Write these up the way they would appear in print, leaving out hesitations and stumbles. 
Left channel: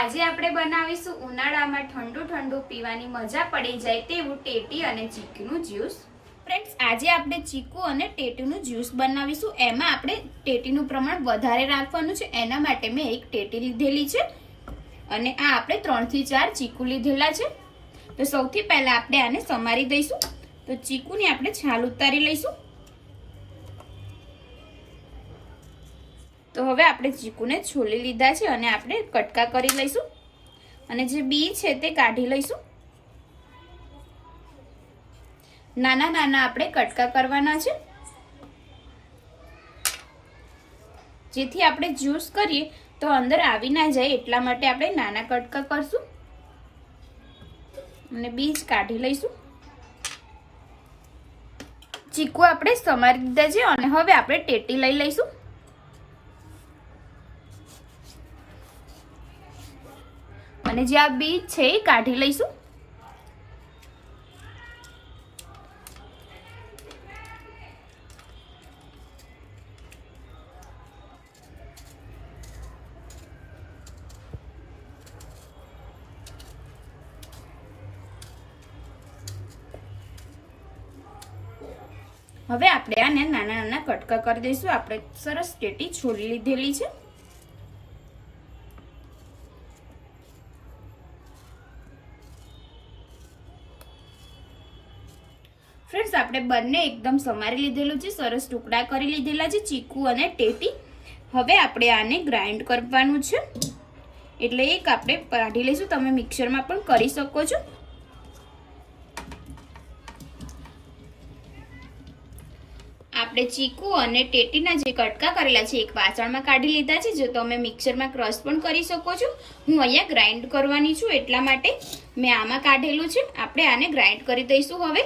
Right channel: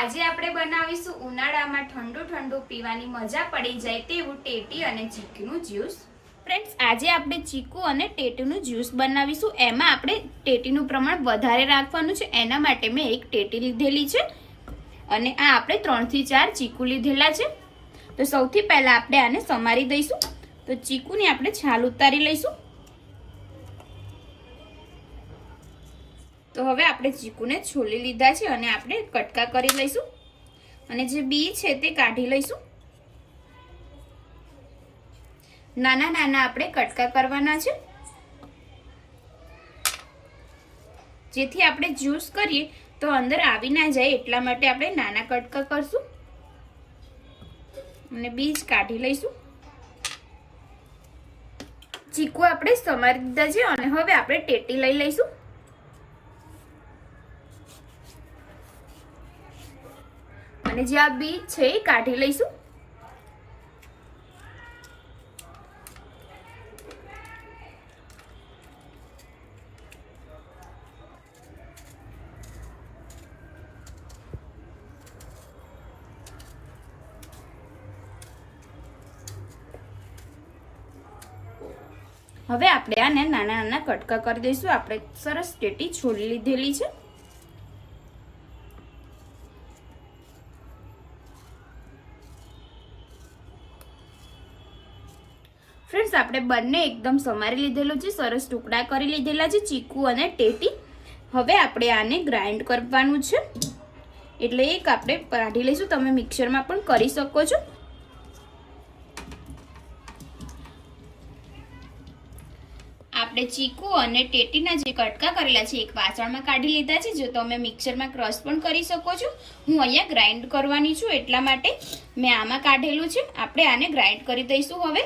આજે આપણે બનાવીશું ઉનાળામાં ઠંડુ ઠંડુ પીવાની મજા પડી જાય તેવું ટેટી અને ચીકુનું જ્યુસ। ફ્રેન્ડ્સ, આજે આપણે ચીકુ અને ટેટીનું જ્યુસ બનાવીશું। એમાં આપણે ટેટીનું પ્રમાણ વધારે રાખવાનું છે, એના માટે મેં એક ટેટી લીધેલી છે અને આ આપણે 3 થી 4 ચીકુ લીધેલા છે। તો સૌથી પહેલા આપણે આને સમારી દઈશું। તો ચીકુની આપણે છાલ ઉતારી લઈશું। તો હવે આપણે ચીકુને છોલી લીધા છે અને આપણે કટકા કરી લઈશું અને જે બી છે તે કાઢી લઈશું। નાના નાના આપણે કટકા કરવાના છે, જેથી આપણે જ્યુસ કરીએ તો અંદર આવી ના જાય એટલા માટે આપણે નાના કટકા કરશું અને બીજ કાઢી લઈશું। ચીકુ આપણે સમારી દીધા છે અને હવે આપણે ટેટી લઈ લઈશું। અને જે આ બીજ છે એ કાઢી લઈશું। હવે આપણે આને નાના નાના કટકા કરી દઈશું। આપણે સરસ ટેટી છોલી લીધેલી છે। ફ્રેન્ડ્સ, આપણે બંને એકદમ સમારી લીધેલું છે, સરસ ટુકડા કરી લીધેલા છે ચીકુ અને ટેટી। હવે આપણે આને ગ્રાઇન્ડ કરવાનું છે, એટલે એક આપણે કાઢી લઈશું। તમે મિક્સરમાં પણ કરી શકો છો। આપણે ચીકુ અને ટેટીના જે કટકા કરેલા છે એક વાસણમાં કાઢી લીધા છે। જો તમે મિક્સરમાં ક્રશ પણ કરી શકો છો, હું અહીંયા ગ્રાઇન્ડ કરવાની છું એટલા માટે મેં આમાં કાઢેલું છે। આપણે આને ગ્રાઇન્ડ કરી દઈશું। હવે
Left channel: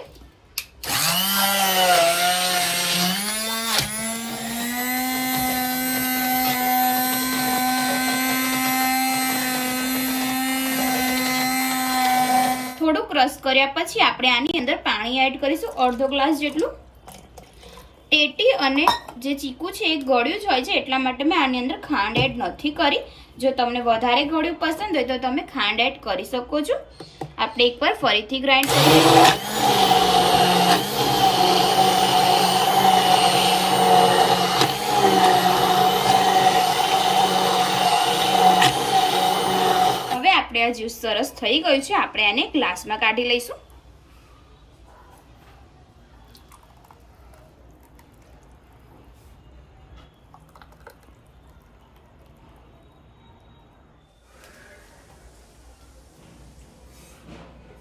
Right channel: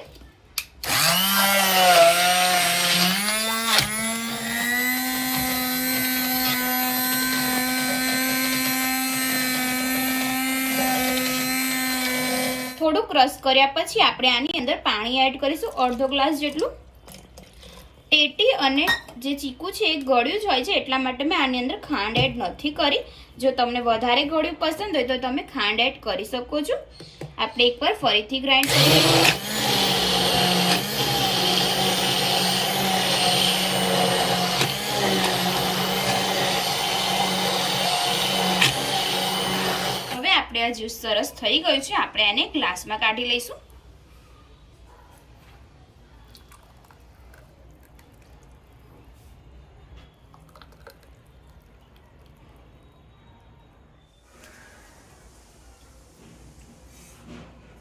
થોડું ક્રશ કર્યા પછી આપણે આની અંદર પાણી એડ કરીશું, અડધો ગ્લાસ જેટલું। ટેટી અને જે ચીકુ છે એ ગળ્યું જ હોય છે એટલા માટે મેં આની અંદર ખાંડ એડ નથી કરી। જો તમને વધારે ગળ્યું પસંદ હોય તો તમે ખાંડ એડ કરી શકો છો। આપણે એકવાર ફરીથી ગ્રાઇન્ડ કરીશું। હવે આપણે આ જ્યુસ સરસ થઈ ગયું છે, આપણે આને ગ્લાસમાં કાઢી લઈશું।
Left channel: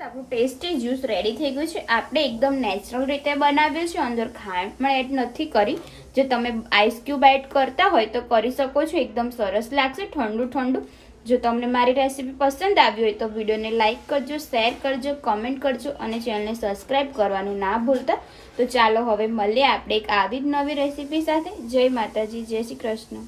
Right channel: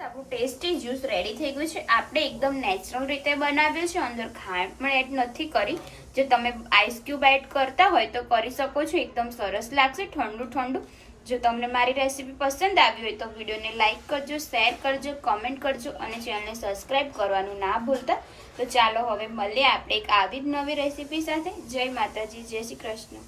આપણું ટેસ્ટી જ્યુસ રેડી થઈ ગયું છે। આપણે એકદમ નેચરલ રીતે બનાવ્યું છે, અંદર ખાંડ પણ એડ નથી કરી। જો તમે આઈસ ક્યુબ એડ કરતા હોય તો કરી શકો છો, એકદમ સરસ લાગશે ઠંડુ ઠંડુ। જો તમને મારી રેસીપી પસંદ આવી હોય તો વિડીયોને લાઇક કરજો, શેર કરજો, કમેન્ટ કરજો અને ચેનલને સબસ્ક્રાઇબ કરવાનું ના ભૂલતા। તો ચાલો હવે મળીએ આપણે એક આવી જ નવી રેસીપી સાથે। જય માતાજી, જય શ્રી કૃષ્ણ।